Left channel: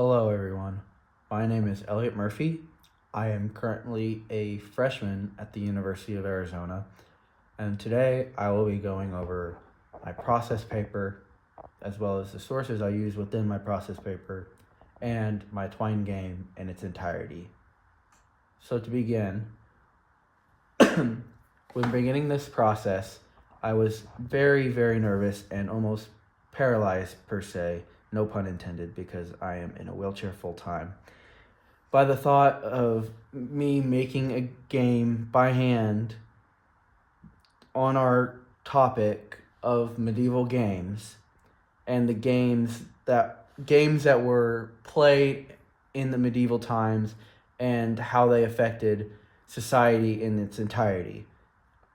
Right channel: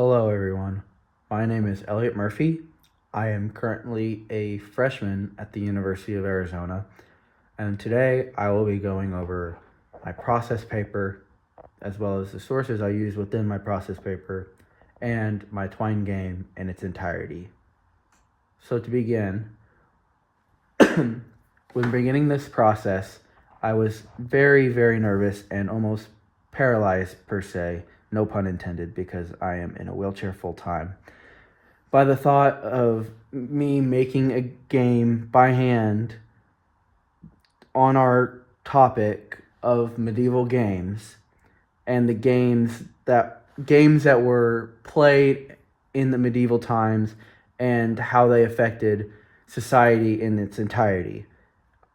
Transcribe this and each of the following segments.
Hello, everyone. My name is Elliott Murphy. I am currently a freshman at the University of Arizona, and today I will be going over my process paper as well as the sources I use within my process paper and my Twine game in its entirety. So, to begin, when beginning this process, I was very nervous and almost paralyzed, per se, no pun intended, because I am in a wheelchair full time, by the thought of me making a game by hand on our topic of medieval games and the games that were played in the medieval times and how they affected society in its entirety.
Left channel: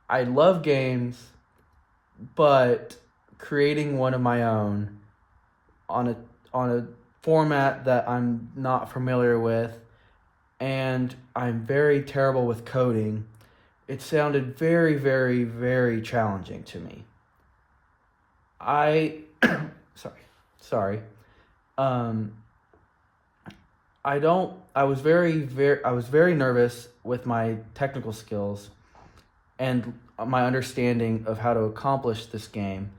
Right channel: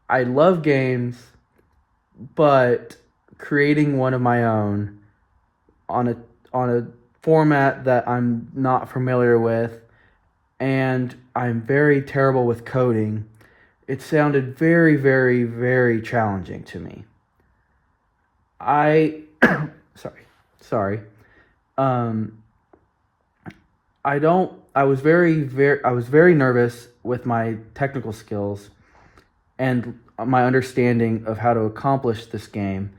I love games, but creating one of my own on a format that I'm not familiar with, and I'm very terrible with coding, it sounded very challenging to me. I sorry. Um I was very nervous with my technical skills and my understanding of how to accomplish this game,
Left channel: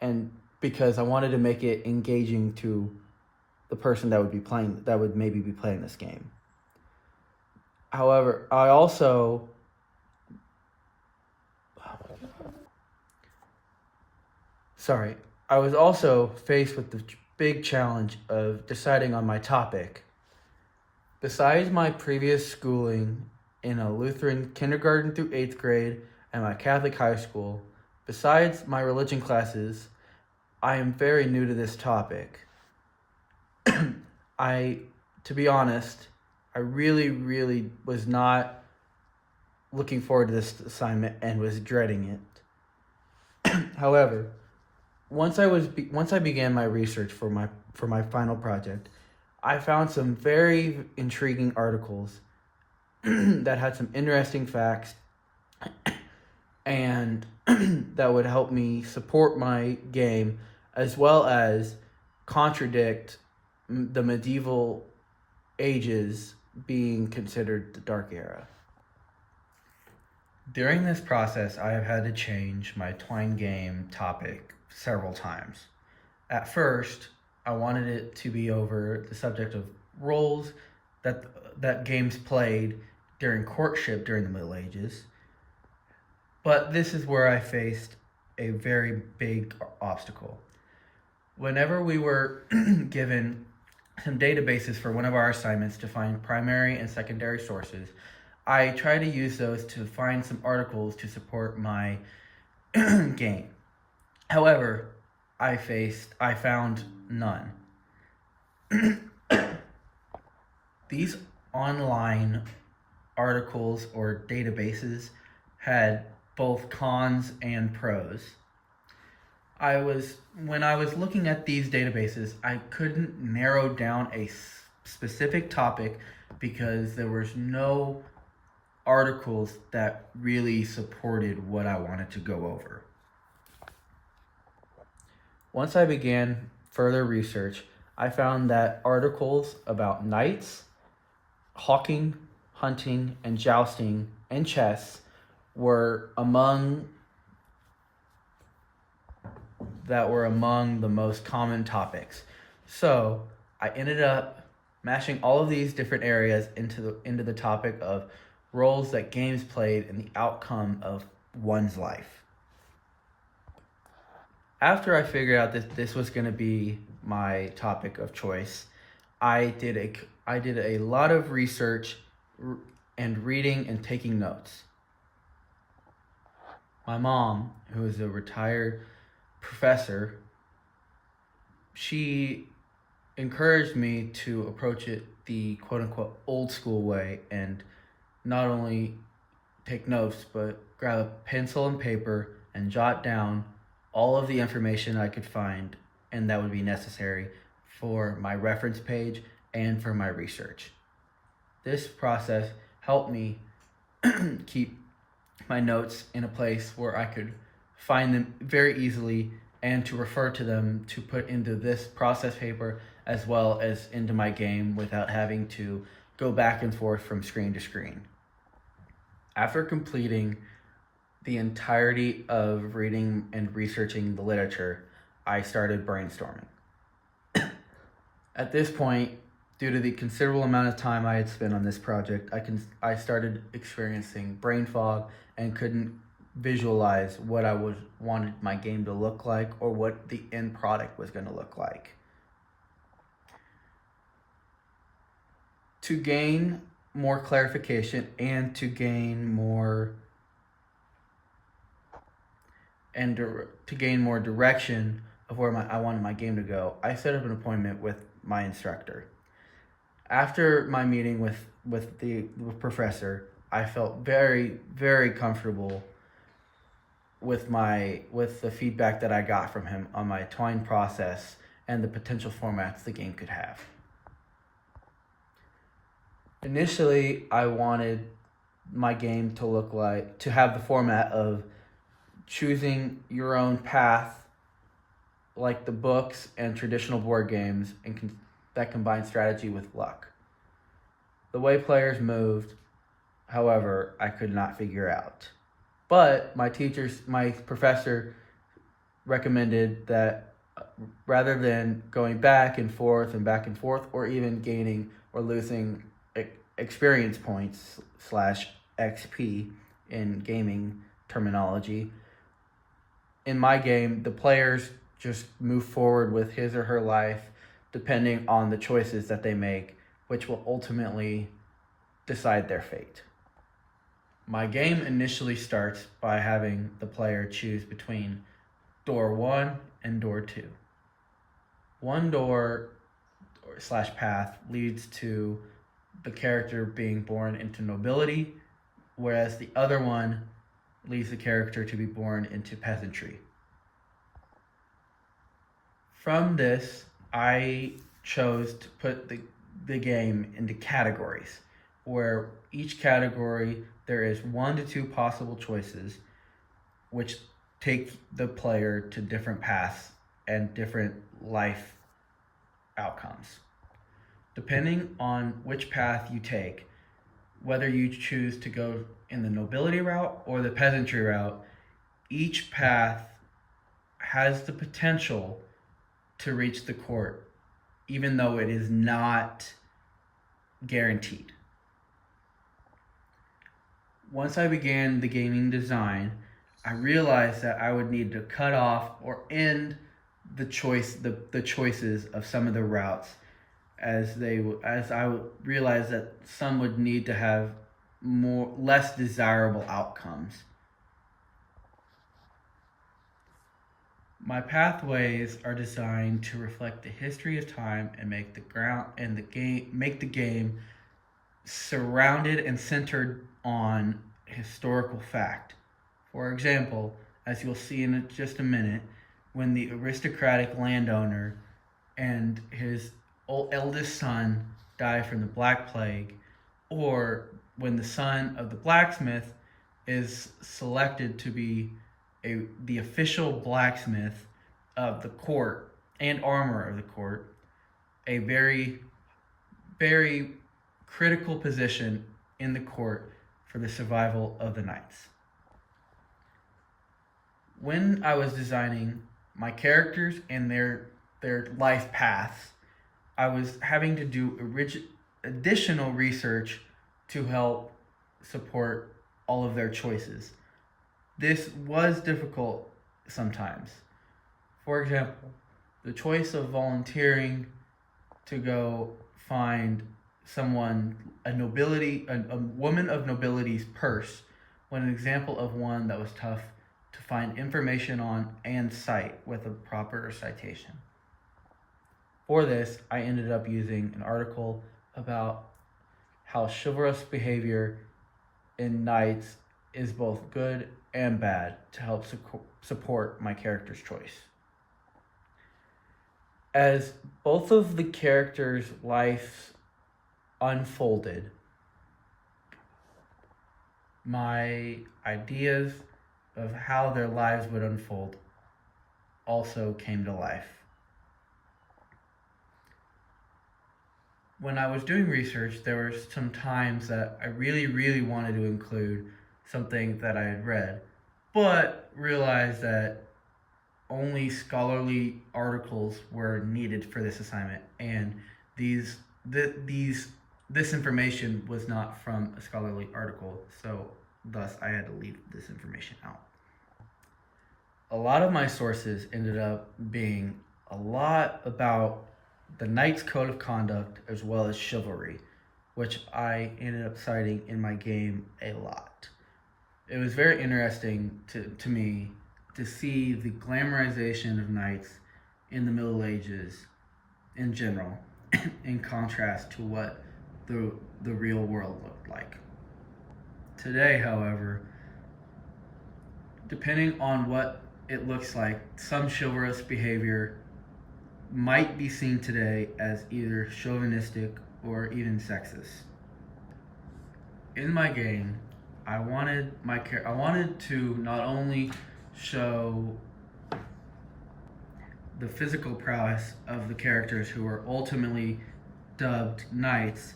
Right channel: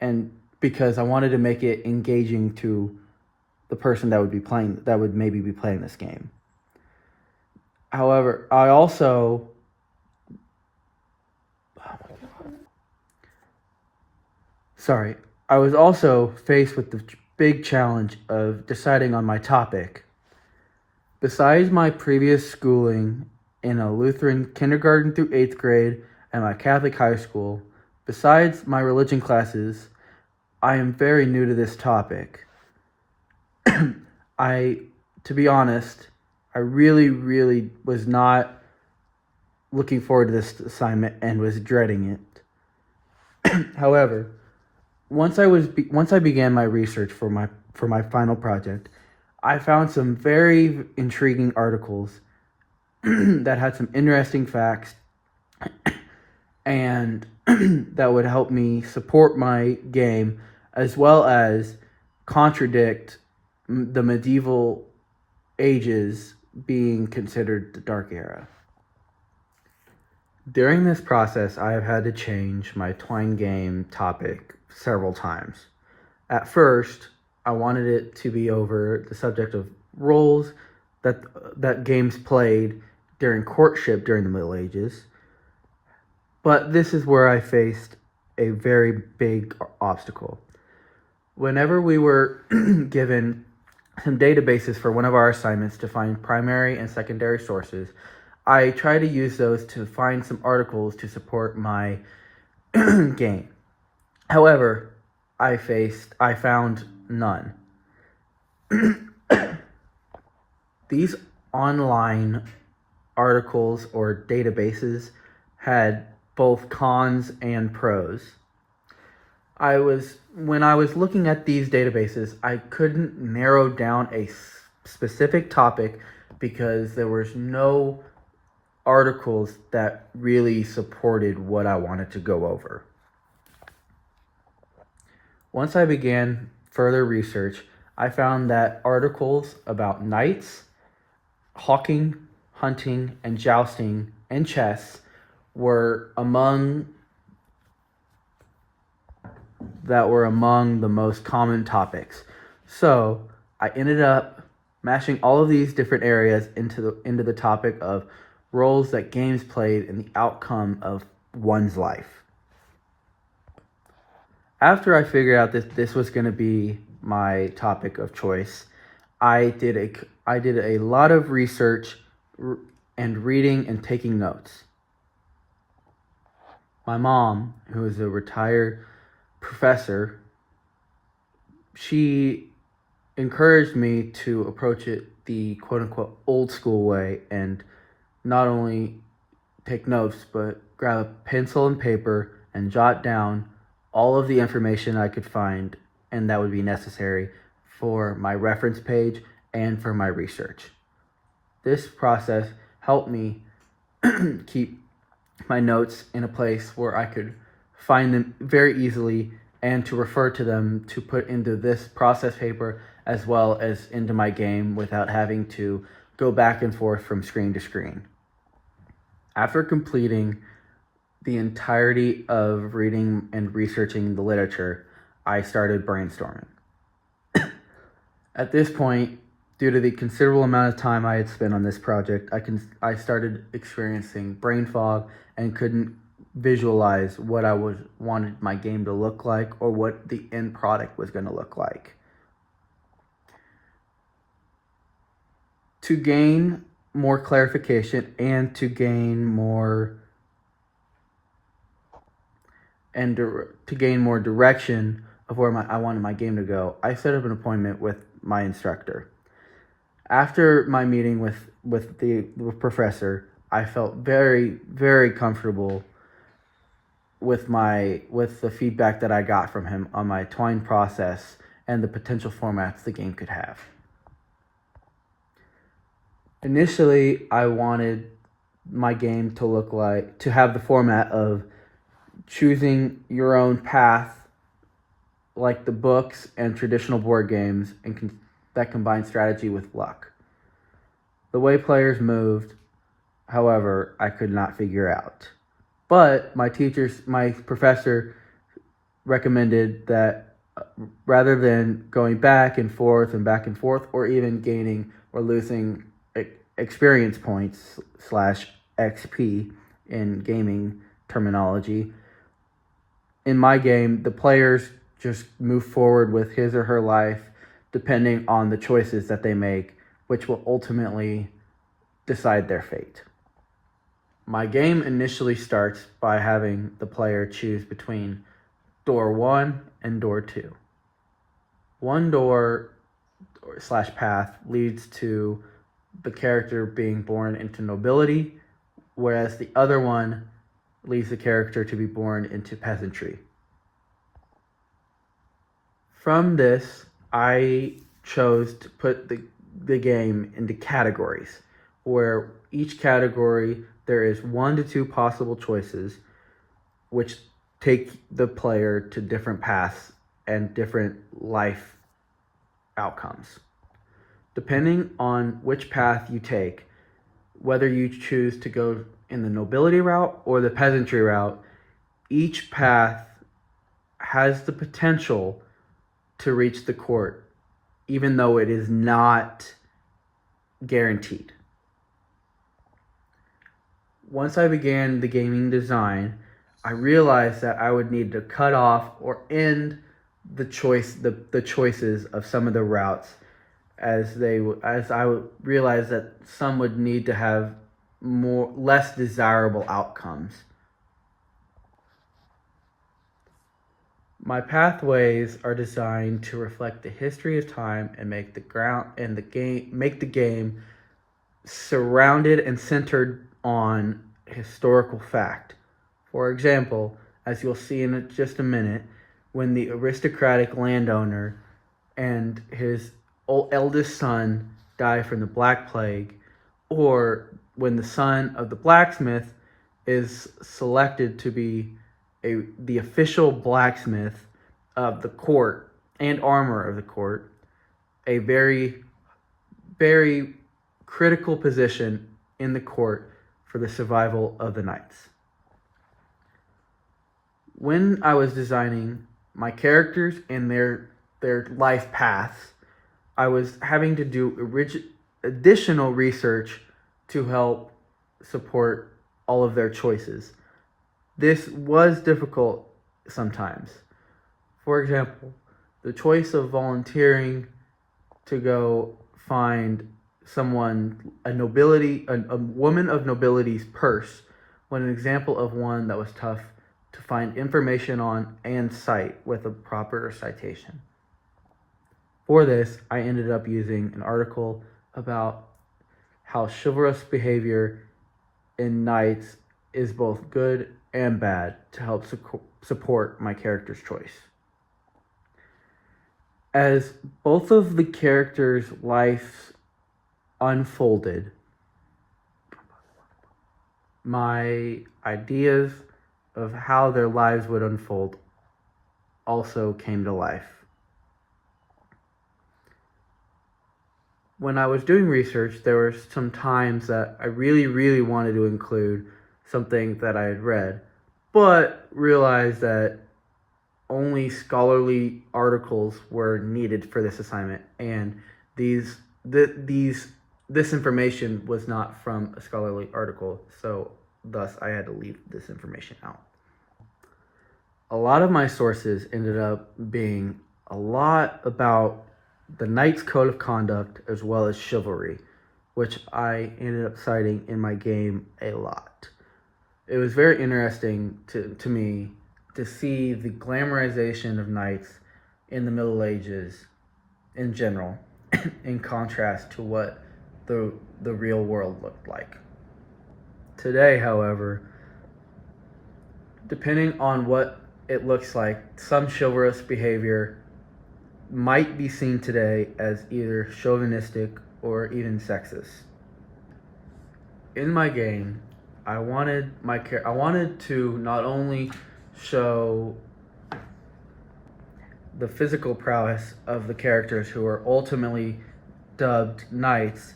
and because I wanted to make it engaging to the person that would maybe be playing this game. However, I was also faced with the big challenge of deciding on my topic. Besides my previous schooling in a Lutheran kindergarten through 8th grade and my Catholic high school, besides my religion classes, I am very new to this topic. To be honest, I really was not looking forward to this assignment and was dreading it. However, once I began my research for my final project, I found some very intriguing articles that had some interesting facts and that would help me support my game as well as contradict the medieval ages being considered the Dark Era. During this process, I have had to change my Twine game topic several times. At first, I wanted it to be over the subject of roles that games played during courtship during the Middle Ages. But this is where I faced a very big obstacle. Whenever we were given some databases for one of our assignments to find primary and secondary sources, I tried to use those to find some articles to support my game. However, I found none. These online articles or databases had both cons and pros. When I was looking at these databases, I couldn't narrow down a specific topic because there was no articles that really supported what I wanted to go over. Once I began further research, I found that articles about knights, hawking, hunting, and jousting, and chess were among the most common topics. So I ended up mashing all of these different areas into the topic of roles that games played in the outcome of one's life. After I figured out that this was going to be my topic of choice, I did a lot of research and reading and taking notes. My mom, who is a retired professor, she encouraged me to approach it the quote-unquote old school way and not only take notes, but grab a pencil and paper and jot down all of the information I could find and that would be necessary for my reference page and for my research. This process helped me keep my notes in a place where I could find them very easily and to refer to them to put into this process paper as well as into my game without having to go back and forth from screen to screen. After completing the entirety of reading and researching the literature, I started brainstorming. At this point, due to the considerable amount of time I had spent on this project, I started experiencing brain fog and couldn't visualize what wanted my game to look like or what the end product was going to look like. To gain more clarification and to gain more direction of where I wanted my game to go, I set up an appointment with my instructor. After my meeting with the professor, I felt very, very comfortable with the feedback that I got from him on my twine process and the potential formats the game could have. Initially, I wanted my game to have the format of choosing your own path, like the books and traditional board games, and that combine strategy with luck. The way players moved, however, I could not figure out. But my professor recommended that rather than going back and forth, or even gaining or losing experience points / XP in gaming terminology, in my game, the players just move forward with his or her life depending on the choices that they make, which will ultimately decide their fate. My game initially starts by having the player choose between door 1 and door 2. One door / path leads to the character being born into nobility, whereas the other one leads the character to be born into peasantry. From this, I chose to put the game into categories, where each category there is 1 to 2 possible choices, which take the player to different paths and different life outcomes. Depending on which path you take, whether you choose to go in the nobility route or the peasantry route, each path has the potential to reach the court, even though it is not guaranteed. Once I began the gaming design, I realized that I would need to cut off or end the choices of some of the routes, as I realized that some would need to have less desirable outcomes. My pathways are designed to reflect the history of time and make the game surrounded and centered on historical fact. For example, as you'll see in just a minute, when the aristocratic landowner and his eldest son die from the Black Plague, or when the son of the blacksmith is selected to be the official blacksmith of the court and armor of the court, a very, very critical position in the court for the survival of the knights. When I was designing my characters and their life paths, I was having to do additional research to help support all of their choices. This was difficult sometimes. For example, the choice of volunteering to go find a woman of nobility's purse, was an example of one that was tough to find information on and cite with a proper citation. For this, I ended up using an article about how chivalrous behavior in knights is both good and bad to help support my character's choice. As both of the characters' lives unfolded, my ideas of how their lives would unfold also came to life. When I was doing research, there were some times that I really wanted to include something that I had read, but realized that only scholarly articles were needed for this assignment, and these this information was not from a scholarly article, so thus I had to leave this information out. A lot of my sources ended up being a lot about the Knight's Code of Conduct as well as chivalry, which I ended up citing in my game a lot. It was very interesting to me to see the glamorization of knights in the Middle Ages in general, in contrast to what the real world looked like. Today, however, depending on what it looks like, some chivalrous behavior might be seen today as either chauvinistic or even sexist. In my game, I wanted to not only show the physical prowess of the characters who are ultimately dubbed knights,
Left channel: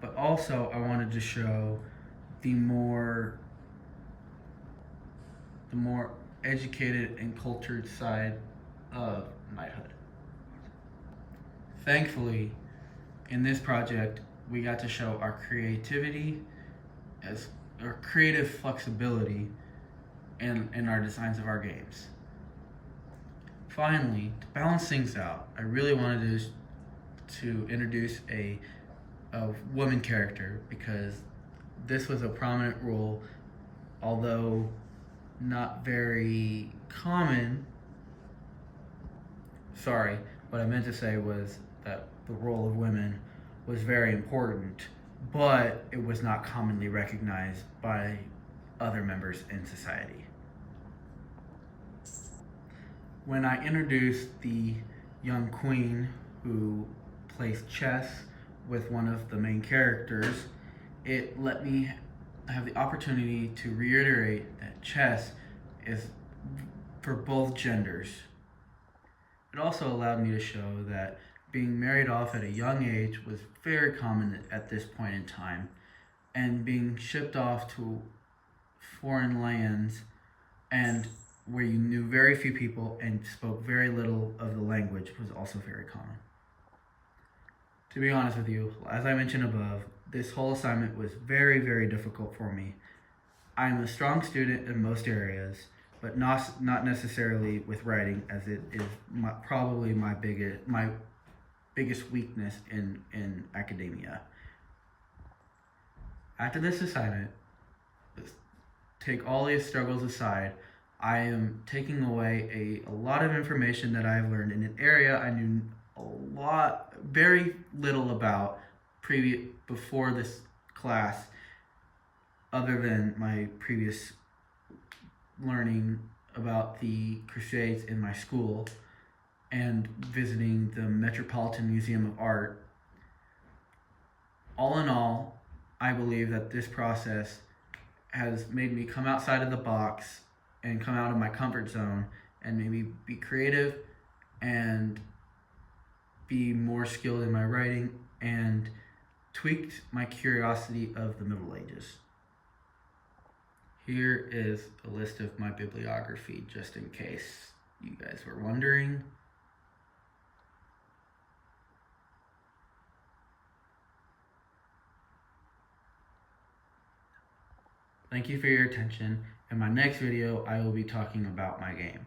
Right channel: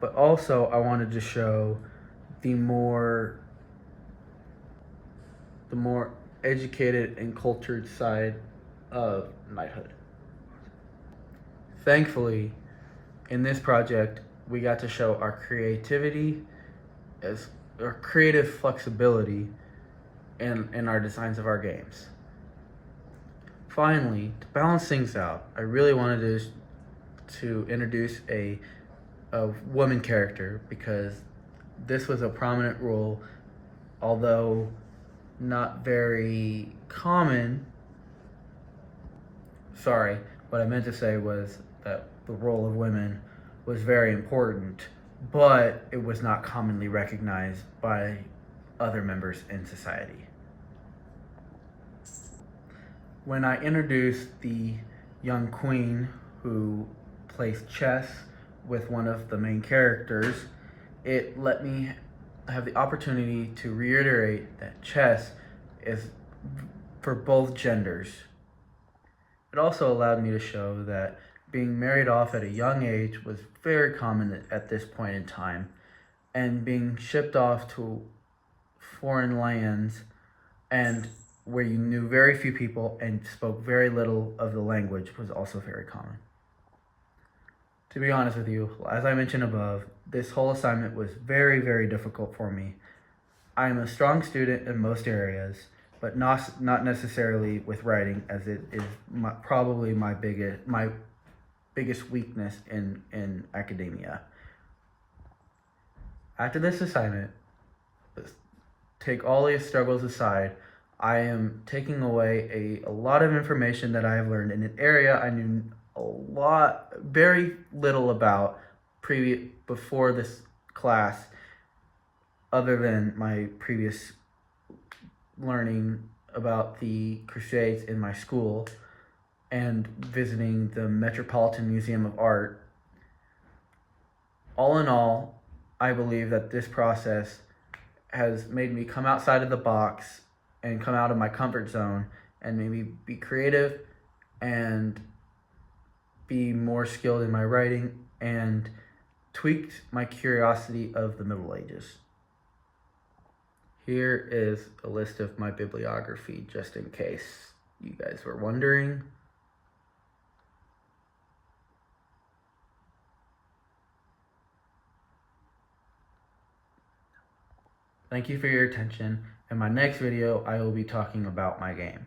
but also I wanted to show the more educated and cultured side of knighthood. Thankfully, in this project, we got to show our creativity, as our creative flexibility in our designs of our games. Finally, to balance things out, I really wanted to introduce a woman character, because this was a prominent role, although not very common. Sorry, what I meant to say was that the role of women was very important, but it was not commonly recognized by other members in society. When I introduced the young queen who plays chess with one of the main characters, it let me have the opportunity to reiterate that chess is for both genders. It also allowed me to show that being married off at a young age was very common at this point in time, and being shipped off to foreign lands and where you knew very few people and spoke very little of the language was also very common. To be honest with you, as I mentioned above, this whole assignment was very difficult for me. I am a strong student in most areas, but not necessarily with writing, as it is probably my biggest weakness in academia. After this assignment, take all these struggles aside, I am taking away a lot of information that I have learned in an area I knew very little about before this class, other than my previous learning about the Crusades in my school and visiting the Metropolitan Museum of Art. All in all, I believe that this process has made me come outside of the box and come out of my comfort zone and made me be creative and be more skilled in my writing, and tweaked my curiosity of the Middle Ages. Here is a list of my bibliography, just in case you guys were wondering. Thank you for your attention. In my next video, I will be talking about my game.